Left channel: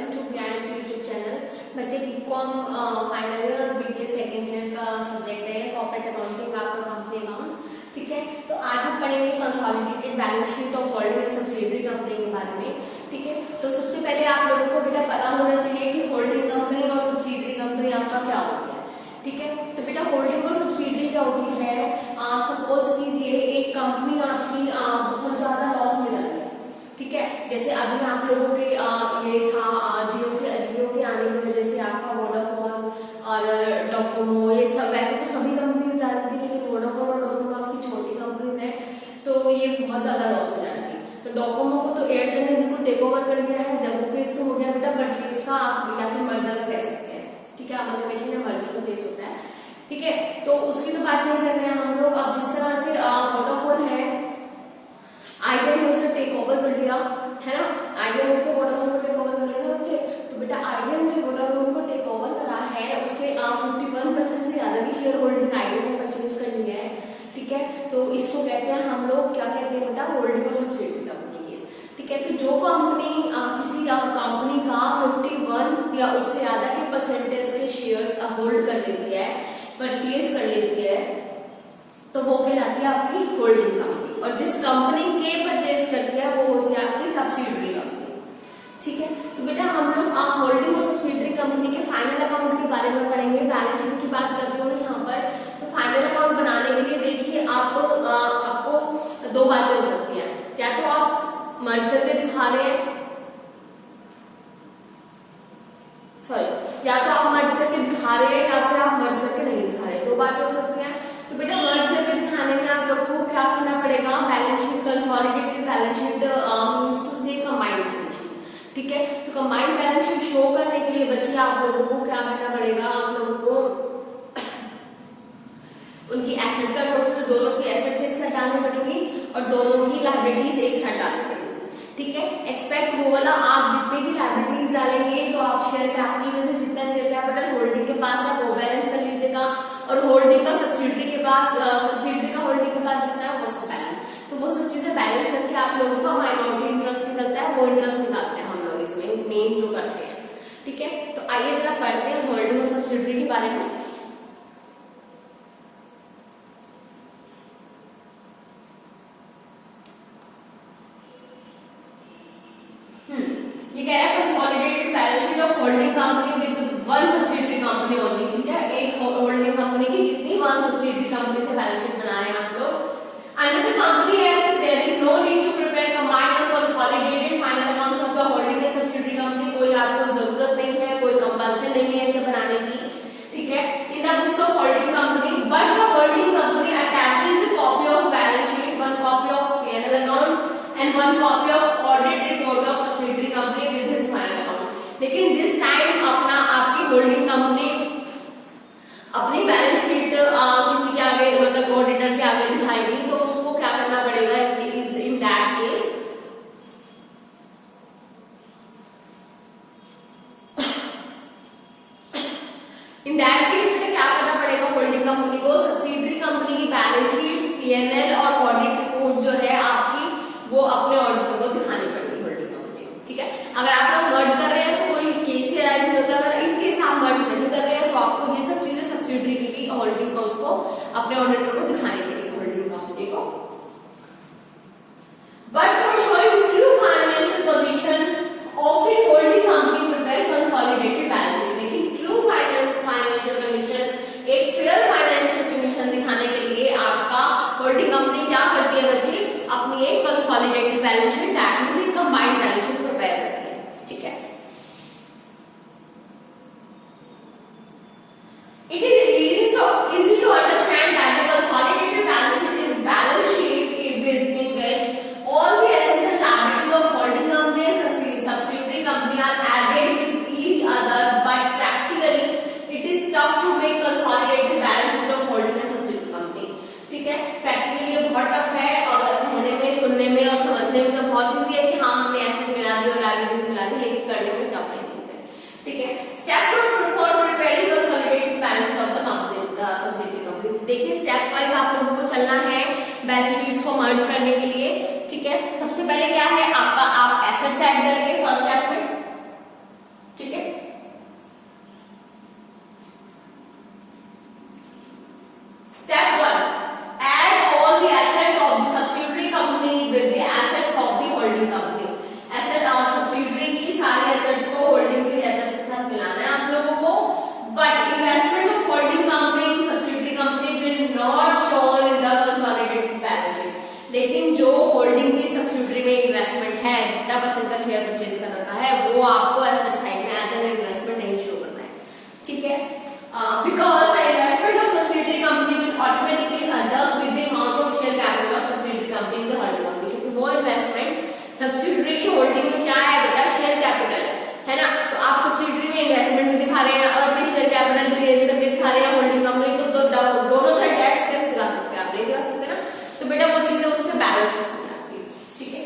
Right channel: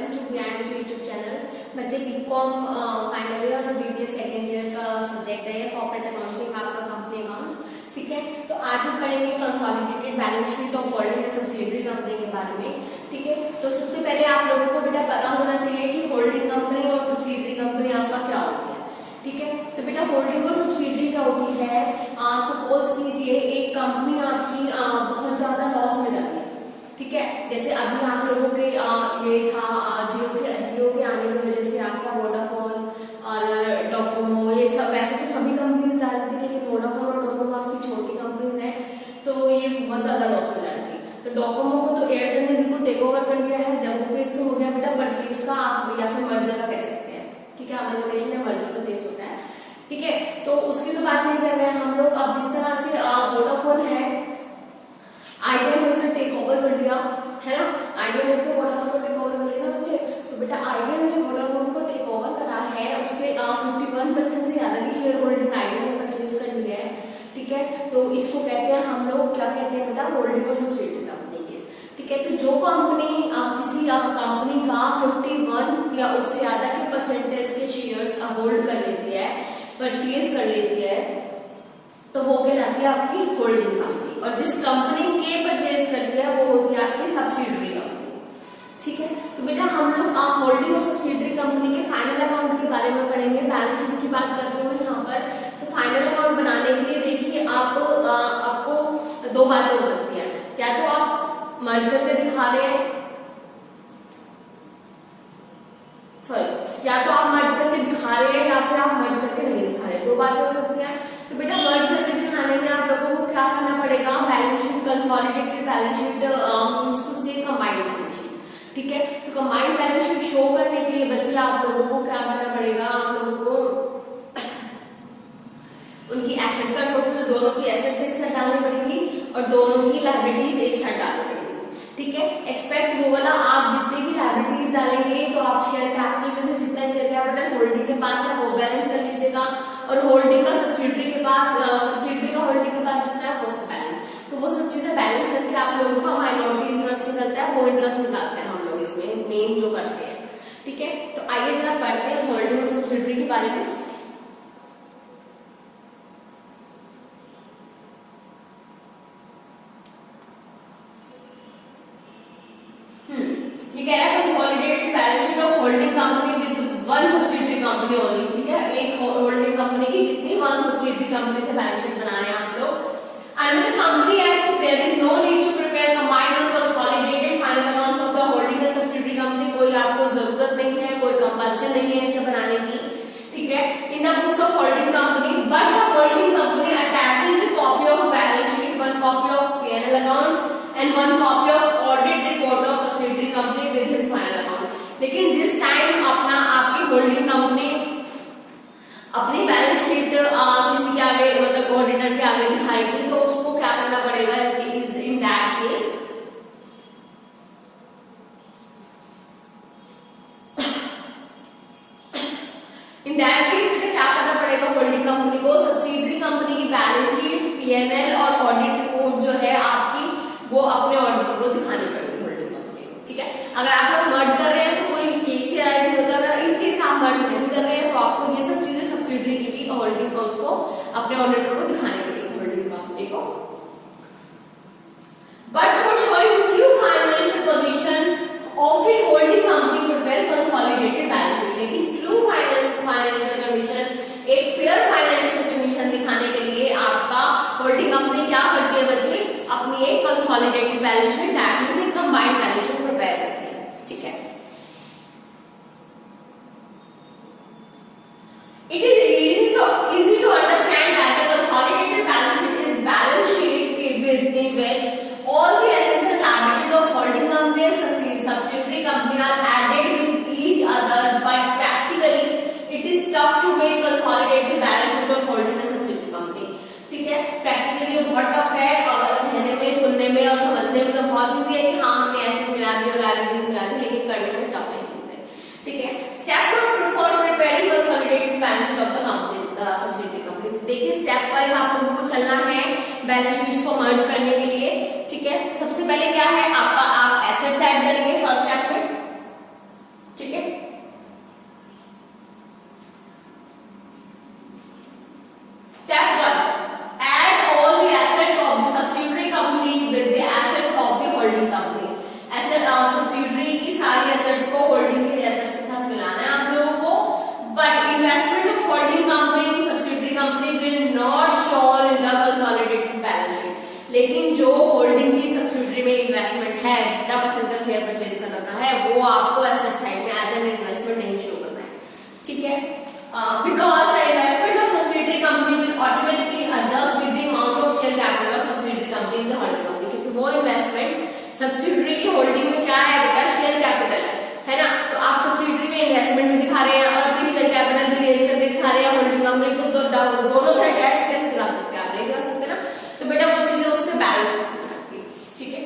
Welcome to ज्ञान YouTube channel. बच्चे BCom final year और बीबीए सेकेंड ईयर का सब्जेक्ट है कॉर्पोरेट अकाउंटिंग, आपका कंपनी अकाउंट्स। ठीक है, तो आज हम पढ़ेंगे consolidated balance sheet of holding and subsidiary company के बारे में। ठीक है, तो सबसे पहले आप लोगों को बेटा पता होना चाहिए कि होल्डिंग कंपनी और सब्सिडियरी कंपनी आपका क्या होती है। ठीक है, तो बेटा होल्डिंग और सब्सिडियरी क्या होती है, सपोज कीजिए एक कंपनी आपकी बहुत ज्यादा लॉस में जा रही है। ठीक है, जैसे अभी आप लोगों के ये था जियो के आने की वजह से आपका वोडाफोन और डोकोमो, ये सब वैसे तो सभी कंपनीज जा रही थी, लेकिन वोडाफोन और डोकोमो आपकी छोटी कंपनीज है, तो ये बहुत ज्यादा लॉस में जा रही थी। तो डोकोमो को तो एयरटेल ने बिल्कुल टेक ओवर कर लिया है। वो केस तो हो गया बेटा परचेज का, आप या फिर मर्जर का कह सकते हैं। ठीक है, अमलकमेशन या मर्जर का केस होता है। ठीक है, तो उसकी तो बात नहीं कर रहे हैं हम लोग। अब जिस तरह से वोडाफोन है, आइडिया ने उसे टेक ओवर कर लिया है ना, आइडिया ने तो वोडाफोन को टेक ओवर कर लिया ना बच्चे। तो बेटा आइडिया ने जो वोडाफोन को टेक ओवर करा है, उसके 51% से ज्यादा की शेयर होल्डिंग आइडिया ने परचेज कर ली है। ठीक है, तो इसको कहते हैं हम लोग, क्या कहते हैं बेटा, होल्डिंग और सब्सिडियरी कंपनी केस। ठीक है, तो जो कंपनी किसी कंपनी का 51 या उससे ज्यादा के परसेंटेज के शेयर्स होल्ड कर लेती है, परचेज कर लेती है, तो वो कहलाती है आपकी होल्डिंग कंपनी। और जिस कंपनी के परचेज करती है वो होती है आपकी सब्सिडियरी कंपनी। ठीक है, तो बेटा हम लोग होल्डिंग और सब्सिडियरी कंपनी के फाइनल अकाउंट के बारे में पढ़ेंगे। बैलेंस शीट की बात कर रही हूँ यहाँ पर। तो फाइनल अकाउंट बनाने के लिए देखिए आपको दो बातें हो सकती है, या तो आप मर्ज करके दिखा रहे हैं, या तो आप मर्ज करके दिखा रहे हैं या फिर आप मर्ज करके नहीं दिखा रहे, दो बातें हो सकती हैं। तो बेटा मर्ज करके दिखाने में आप लोगों को क्या करना पड़ेगा, balance sheet, consolidated balance sheet means two से कंबाइंड बैलेंस शीट। ठीक है, तो कंबाइंड बैलेंस शीट शो करने के लिए बच्चे आप लोगों को क्या करना पड़ेगा, आप लोगों को उनकी एसेट का टोटल, दोनों की एसेट्स एक साथ डालनी पड़ेगी और दोनों की लायबिलिटीज एक साथ डालनी पड़ेगी। ठीक है, एक्सपेक्ट वो वाला आप जितनी भी लायबिलिटीज डालेंगे तो आप शेयर कैपिटल में से जितना शेयर कैपिटल होल्डिंग के पास है वो बैलेंस कर लीजिएगा, और होल्डिंग का सब्सिडियरी के पास, सब्सिडियरी का होल्डिंग के पास जितना है वो सब बैलेंस। तो वो सब चीजें बैलेंस करके आप लोगों का माइनॉरिटी इंटरेस्ट निकलता है, वो इंटरेस्ट निकालते हैं हम लोग इसमें मेन जो करते हैं। ठीक है, तो आइए जरा पढ़ते हैं होल्डिंग और सब्सिडियरी के बारे में। ये कह रहा है consolidated balance sheet of holding company with one subsidiary company only. ठीक है, एक होल्डिंग कंपनी की कितनी, वन सब्सिडियरी कंपनी से बैलेंस शीट बना रहे हैं आप लोग। Under the company act there is no need to prepare combined and consolidated final accounts of the holding and subsidiary company. कोई आपको जरूरत नहीं है, कोई कंपल्शन नहीं है इसे बनाने की। ठीक है, in the books of holding company, but the holding company attaches a copy of balance sheet, one copy of P&L account and one copy of audit report of subsidiary company with his final account। लेकिन जिस time आपकी holding company अपनी balance sheet किसी के आगे, मतलब auditor के आगे दिखाएगी, तो उसको क्या करना पड़ेगा, इन दैट केस बेटा क्या करना पड़ेगा, होल्डिंग कंपनी को सब्सिडियरी कंपनी की बैलेंस शीट, P&L और ऑडिट रिपोर्ट जो है आपकी, वो अपने ऑडिटर को दिखानी पड़ेगी होल्डिंग कंपनी। ठीक है, अगर आप लोग मर्ज कर रहे हैं तो कोई केस से राइज नहीं होता, अगर इन केस आप मर्ज नहीं कर रहे हैं तो आपको ये सब चीजें सब्सिडियरी की भी होल्डिंग को उसको अपने ऑडिटर को दिखानी पड़ेगी होल्डिंग कंपनी को। But for showing true financial position of it, holding company prepare consolidated balance sheet. लेकिन ट्रू फाइनेंशियल कंडीशन, एक फेयर फाइनेंशियल कंडीशन दिखाने के लिए आपका होल्डिंग कंपनी क्या करती है बच्चे, अपनी एक consolidated balance sheet, that means एक कंबाइंड बैलेंस शीट प्रिपेयर करती है। ठीक है, it is so easy to understand that the consolidated balance sheet is balance sheet in which all the assets and liabilities of holding company and subsidiary company are added with each other, but practically it is tough to make consolidated balance sheet of holding and subsidiary company। ठीक है, practically ये बहुत tough है, और कहने में, सुनने में और समझने में तो बहुत इजी है कि हाँ हमने ऐसे मिला दी और लायबिलिटीज मिला दी, लेकिन करने में टफ नहीं चीज है। ठीक है, step for preparing consolidated balance sheet of the company subsidiary company. देखिए स्टेप वाइज आप लोगों को चलना है बैलेंस शीट्स को मर्ज करने के लिए। ठीक है, सबसे पहले क्या है आपका, आप एसेट्स ऐड करेंगे फर्स्ट स्टेप में। 5% का शेयर परचेज कर रखा है, वो आपको एसेट साइड में एज एन इन्वेस्टमेंट नहीं शो करना है, ठीक है। Because the investment of subsidiary company will automatically adjust with the amount of share capital of subsidiary company in the holding company, क्योंकि वो इन्वेस्टमेंट सब्सिडियरी की होल्डिंग में क्या है बेटा, शेयर कैपिटल है ना। तो आप सब्सिडियरी में इन्वेस्टमेंट भी दिखा रहे हैं और अपनी शेयर कैपिटल भी रेज करके दिखा रहे हैं होल्डिंग कंपनी, तो दोनों साइड टैक्स कैसे दिखा सकते हैं, आप नहीं दिखा सकते ना। तो बेटा वो चीजें उससे बैलेंस होती है आपकी, ठीक है।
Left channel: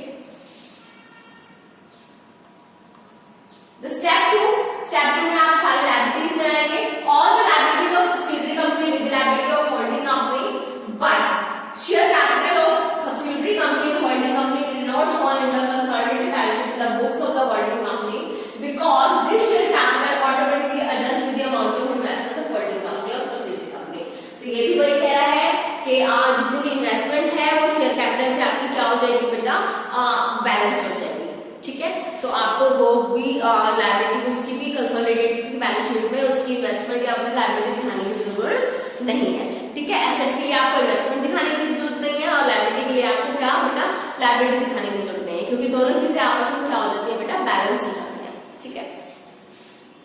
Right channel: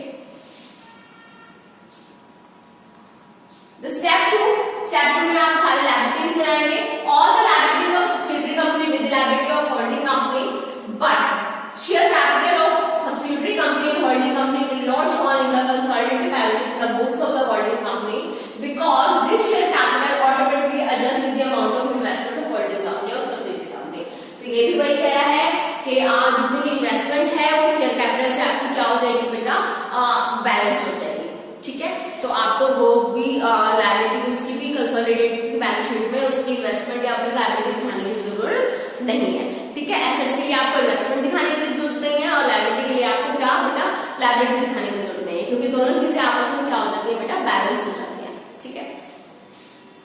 स्टेप टू में आप सारी लायबिलिटीज में आएंगे, all the liabilities of subsidiary company with the liability of holding company, but share capital of subsidiary company and holding company will not shown in the consolidated balance sheet in the books of the holding company because this share capital automatically adjusts with the amount of investment of holding company or subsidiary company। तो ये भी वही कह रहा है कि जितनी भी इन्वेस्टमेंट है वो शेयर कैपिटल से आपकी क्या हो जाएगी बेटा, बैलेंस हो जाएगी, ठीक है। तो आपको वो भी लायबिलिटी उसकी भी कंसोलिडेटेड बैलेंस शीट में उसकी इन्वेस्टमेंट या फिर लायबिलिटी दिखाने की जरूरत नहीं है, ठीक है। एसेट्स के लिए आपको इन्वेस्टमेंट दिखाने की जरूरत नहीं है और लायबिलिटी के लिए आपको क्या बेटा, लायबिलिटी दिखाने की जरूरत नहीं है, क्योंकि दोनों चीजें आपस में क्या हो जाती है बेटा, बैलेंस हो जाती है, ठीक है।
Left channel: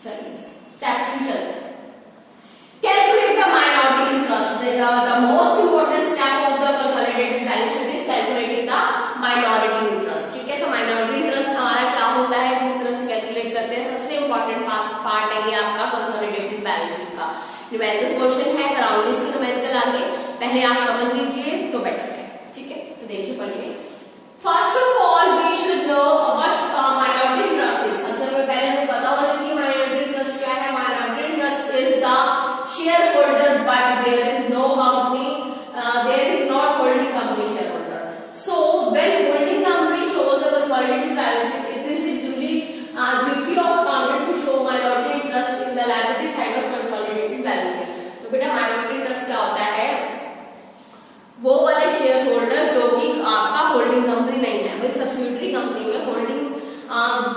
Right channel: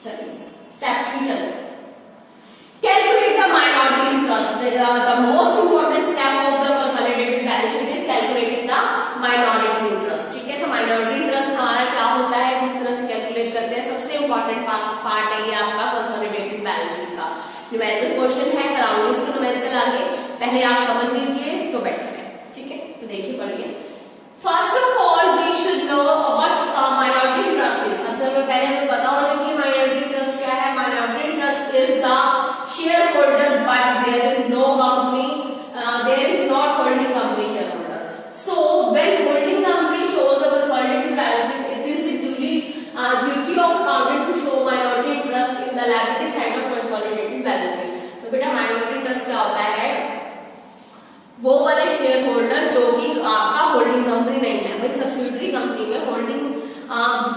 चलिए स्टेप 3 चलते हैं। Calculate the minority interest, the most important step of the consolidated balance sheet is calculating the minority interest, ठीक है। तो माइनॉरिटी इंटरेस्ट हमारा क्या होता है, किस तरह से कैलकुलेट करते हैं, सबसे इंपॉर्टेंट पार्ट है ये आपका कंसोलिडेटेड बैलेंस शीट का न्यूमेरिकल पोर्शन है, कराऊंगी इसके न्यूमेरिकल आगे, पहले आप समझ लीजिए तो बेटर है, ठीक है। तो देखिए पढ़िए, first of all we should know what minority interest is. सबसे पहले हमें पता होना चाहिए माइनॉरिटी इंटरेस्ट क्या है। Minority interest is the shareholder but there is no company, there is not holding company shareholder. So when holding company shows the consolidated balance sheet, it is duty of accountant to show minority interest in the liability side of consolidated balance sheet। तो बेटा minority interest क्या होता है, वो वाले share holder जो कि आपका होल्डिंग कंपनी नहीं है। भाई सब्सिडियरी कंपनी में होल्डिंग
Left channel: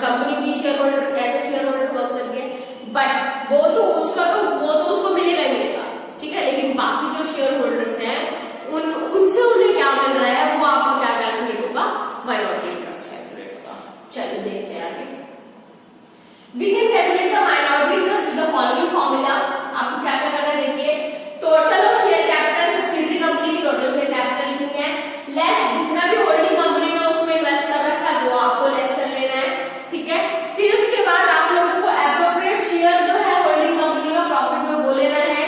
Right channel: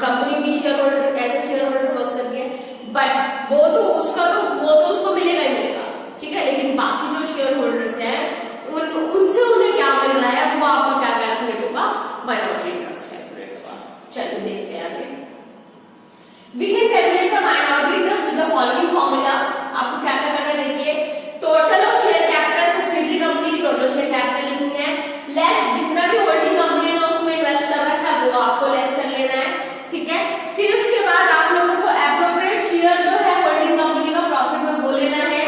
कंपनी भी shareholder as a shareholder work कर रही है, बट वो तो उसको मिलेगा ही मिलेगा, ठीक है। लेकिन बाकी जो शेयर होल्डर्स हैं उनसे उन्हें क्या मिल रहा है, वो आपका क्या कैलकुलेट होगा, माइनॉरिटी इंटरेस्ट कैलकुलेट होगा। चलिए देखते हैं आगे। We can calculate the minority interest with the following formula। आपको क्या क्या करना है, देखिए total of share capital subsidiary company total share capital लिखनी है, लेस जितना भी होल्डिंग कंपनी ने उसमें इन्वेस्ट कर रखा है वो आपको लेस कर लेना है, ठीक है। फिर उसके बाद आप लोगों को एप्रोप्रिएट शेयर जो है होल्डिंग कंपनी का प्रॉफिट में वो लेना है,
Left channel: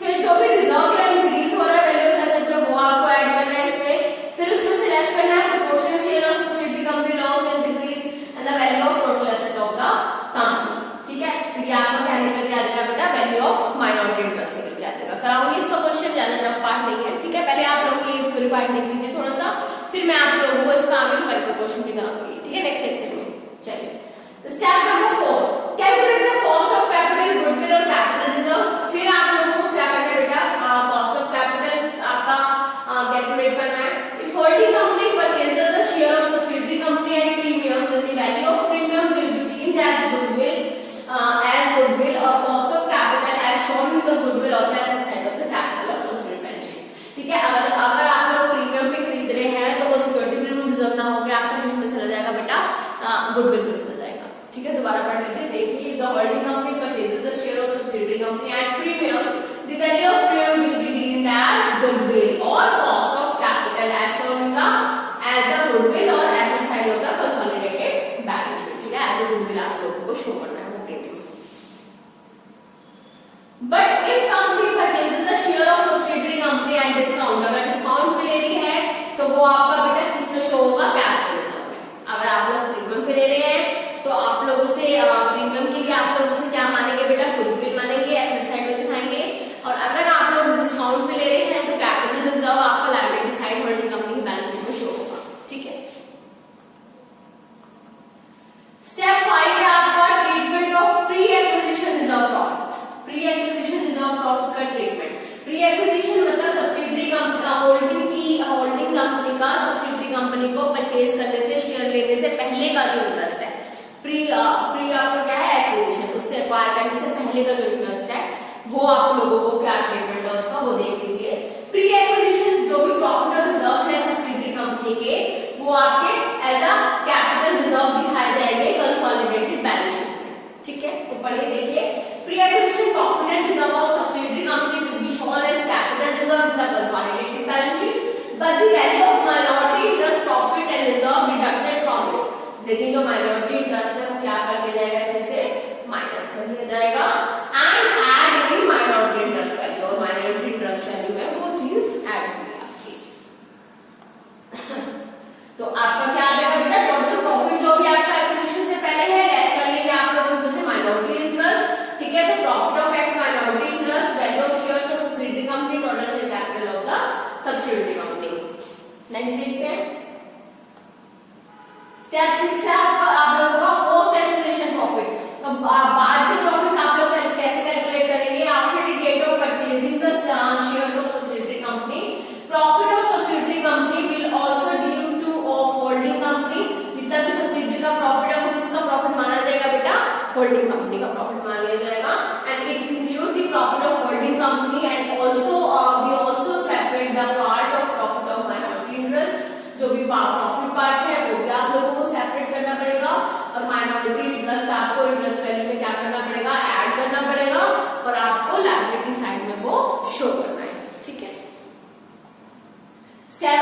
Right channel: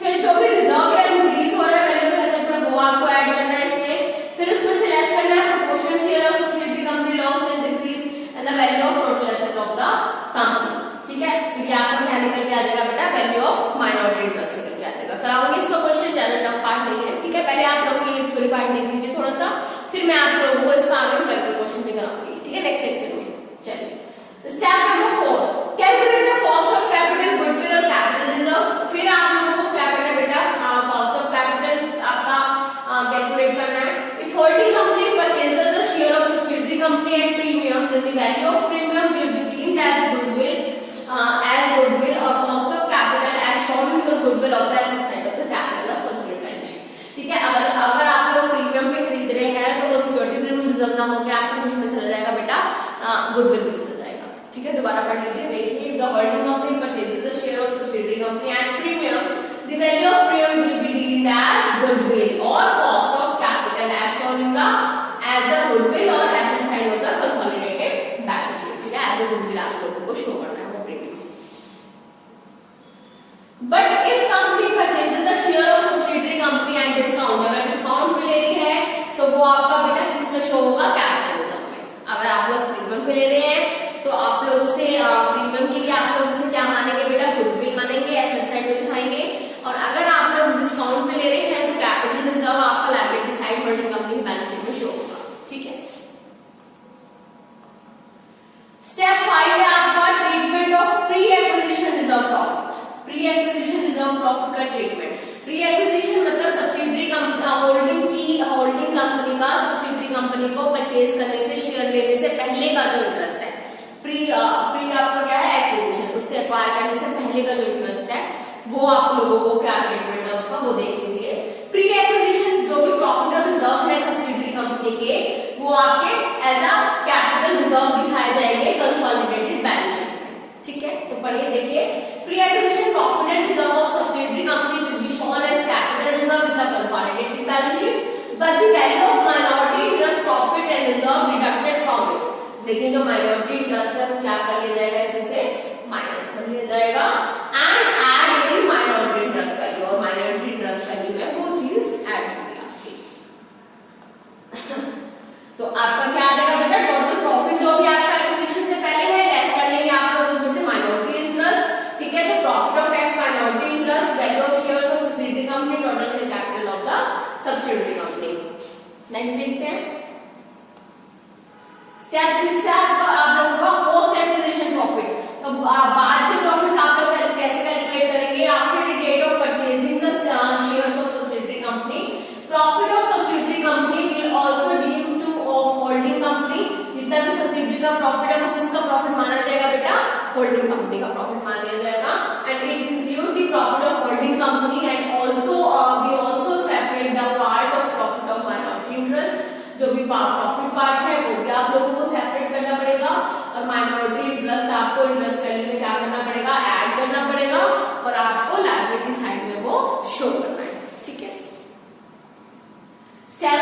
फिर जो भी रिजर्व या इंक्रीज हो रहा है वैल्यू ऑफ एसेट में वो आपको ऐड करना है इसमें, फिर उसमें से लेस करना है proportional share of subsidiary company loss and decrease and the value of total asset of the company, ठीक है। तो ये आपका क्या निकल के आ जाएगा बेटा, वैल्यू ऑफ माइनॉरिटी इंटरेस्ट निकल के आ जाएगा। कराऊंगी इसका क्वेश्चन, ज्यादा टफ पार्ट नहीं है, ठीक है। पहले आप लोग ये थ्योरी पार्ट देख लीजिए थोड़ा सा, फिर मैं आप लोगों को इसका आगे न्यूमेरिकल क्वेश्चन भी कराऊंगी, ठीक है, नेक्स्ट लेक्चर में। चलिए step number 4, calculate the cost of capital, goodwill और कैपिटल रिजर्व। फिर आप लोगों को क्या करना है बेटा, कॉस्ट ऑफ कैपिटल आपका कैलकुलेट करना है। If holding company purchases the share of subsidiary company at premium, then the value of premium will be changed as goodwill or cost of capital as shown in the goodwill of the asset side of the capital of consolidated balance sheet, ठीक है। अगर आप लोग premium पे खरीद रहे हैं तो वो सिक्योरिटी प्रीमियम रिजर्व ना होकर आपका किसमें चला जाएगा बेटा, गुडविल में चला जाएगा, ठीक है। दोबारा पढ़ लीजिए, देखिए the holding company purchases the share of subsidiary company at premium, the value of premium will be deemed as goodwill और cost of capital as shown in the goodwill और asset side of the consolidated balance sheet, ठीक है। As a goodwill आप लोगों को show करना है। But if company purchases the share of subsidiary company at discount, अगर डिस्काउंट पे ले रही है तो वो आपका बेटा किसमें शो होगा, कैपिटल रिजर्व में। अगर आप लोग प्रीमियम पे ले रहे हैं तो आप लोगों से प्रीमियम के लिए आप लोग उसे क्या मानेंगे बेटा, गुडविल मानेंगे, एसेट साइड में दिखाएंगे। और अगर आप लोग डिस्काउंट पे ले रहे हैं तो कैपिटल रिजर्व आपका लायबिलिटी साइड होल्डिंग कंपनी की बैलेंस शीट में शो होगा, ठीक है। स्टेप 5 है आपका treatment of pre acquisition reserve profit. Pre acquisition reserve profit का ट्रीटमेंट, प्री एक्विजिशन मतलब सब्सिडियरी होल्डिंग कंपनी का सब्सिडियरी कंपनी को परचेज करने से, शेयर लेने से पहले का जो इंटरेस्ट है, प्री आपका क्या है, एक्विजिशन, उससे एक्वायर करने से पहले का जो इंटरेस्ट है वो आप लोगों को क्या ट्रीटमेंट है उसका वो देख लीजिए। प्री एक्विजिशन जो भी प्रॉफिट और रिजर्व है सब्सिडियरी कंपनी के वो आपके एज अ कैपिटल रिजर्व दिखाए जाएंगे कंसोलिडेटेड बैलेंस शीट में। ठीक है, तो पढ़िए देखिए, pre acquisition profit and reserve of subsidiary company will be shown as capital reserve in the consolidated balance sheet but the value of minority interest profit and reserve deducted from it. लेकिन जो minority interest है वो क्या कर लिया जाएगा, इससे minus कर लिया जाएगा and add in minority interest value, और माइनॉरिटी इंटरेस्ट वैल्यू में वो चीज ऐड होगी आपकी। तो आपका क्या आ जाएगा बेटा, टोटल प्रॉफिट जो भी आपका एक्विजिशन से पहले है लेस कर लेंगे आप लोग उसमें से माइनॉरिटी इंटरेस्ट। ठीक है, तो profit of x minority interest, value of shares of subsidiary company, total share capital of the subsidiary company. Next देखते हैं, स्टेप 6 है आपका आप लोगों का पोस्ट एक्विजिशन प्रॉफिट। तो बाद के प्रॉफिट्स आप लोग कैसे कैलकुलेट करेंगे, after the date of purchasing the shares of subsidiary company profit of subsidiary company will also due to of holding company. जितना भी सब्सिडियरी का प्रॉफिट है वो किसका प्रॉफिट माना जाएगा बेटा, होल्डिंग कंपनी का प्रॉफिट मान लिया जाएगा and it include the profit of holding company and also we also separate the part of profit of minority interest. जो भी प्रॉफिट पार्ट है वो भी आप लोगों को सेपरेट करना पड़ेगा और माइनॉरिटी इंटरेस्ट आपको इंटरेस्ट वैल्यू में क्या करना पड़ेगा, ऐड करना पड़ेगा और आपको लायबिलिटी साइड में वो शो करना है। ठीक है, स्टेप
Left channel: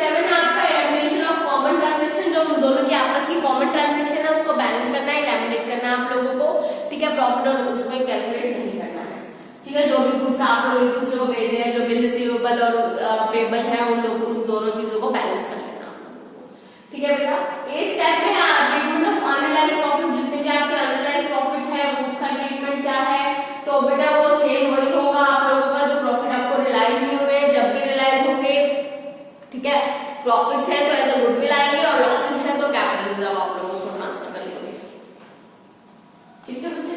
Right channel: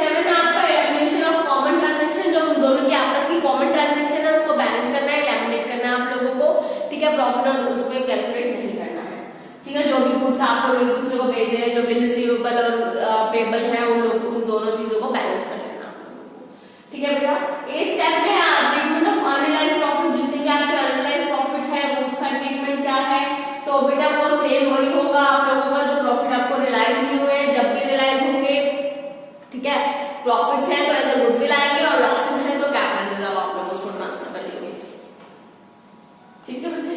7 आपका एलिमिनेशन ऑफ कॉमन ट्रांजैक्शन। जो उन दोनों की आपस की कॉमन ट्रांजैक्शन है उसको बैलेंस करना है, एलिमिनेट करना है आप लोगों को। ठीक है, प्रॉफिट और उसमें कैलकुलेट नहीं करना है। ठीक है, जो भी गुड्स आप लोग एक दूसरे को भेज रहे हैं, जो भी रिसीवेबल और पेबल है उन दोनों चीजों को बैलेंस कर लेना आप लोगों को। ठीक है बेटा, ए स्टेप में ट्रीटमेंट ऑफ अनरियलाइज्ड प्रॉफिट। जितने भी आपके अनरियलाइज्ड प्रॉफिट है वो उसका ट्रीटमेंट क्या है, तो बेटा वो सेम वही होगा आप लोगों का जो प्रॉफिट आपको रियलाइज नहीं हुए, जब भी रियलाइज होंगे। ठीक है, प्रॉफिट्स है तो एज अ गुडविल आएंगे और लॉसेस है तो कैपिटल रिजर्व आप लोग उसको ट्रांसफर कर लेंगे। ठीक है बच्चे,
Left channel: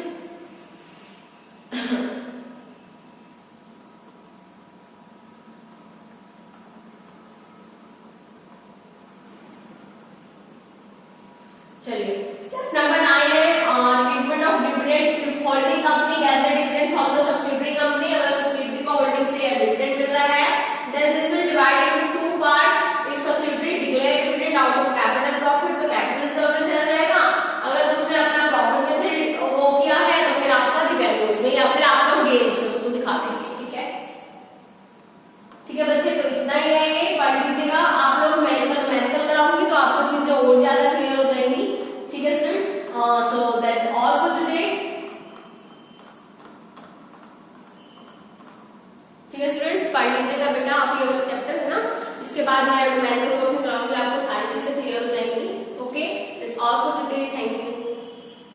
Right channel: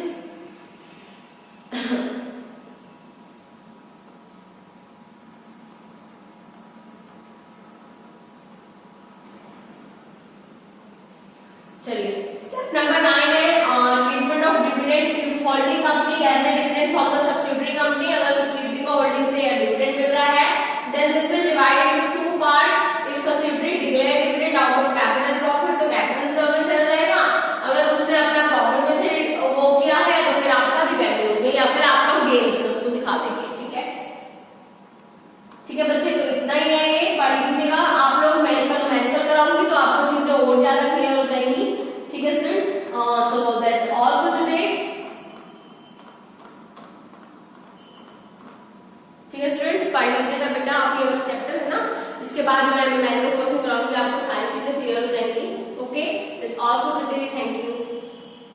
चलिए स्टेप नंबर 9 है treatment of dividend. If holding company gets the dividend from the subsidiary company, अगर सब्सिडियरी को होल्डिंग से या डिविडेंड मिल रहा है then this will divide into 2 parts. If subsidiary declare dividend out of capital profit तो capital reserve में चला जाएगा, अगर उसने अपना प्रॉफिट में से वो किया है तो फिर आपका रिवेन्यूज में या फिर आप लोग गेन से उसको दिखा देंगे। ठीक है, ठीक है बच्चे, तो इतना ही है, ये पढ़ लीजिएगा आप लोग। मैं इसका न्यूमेरिकल कराऊंगी तो आपको चीजें और ज्यादा क्लियर हो जाएंगी। ठीक है students, so that's all for today. ठीक है स्टूडेंट्स, पढ़ लीजिएगा बेटा आप ये वाला चैप्टर है ना, इसके बाद मैं न्यूमेरिकल क्वेश्चन कराऊंगी, आपको सारी चीजें क्लियर हो जाएंगी। Okay, that's all for today, thank you.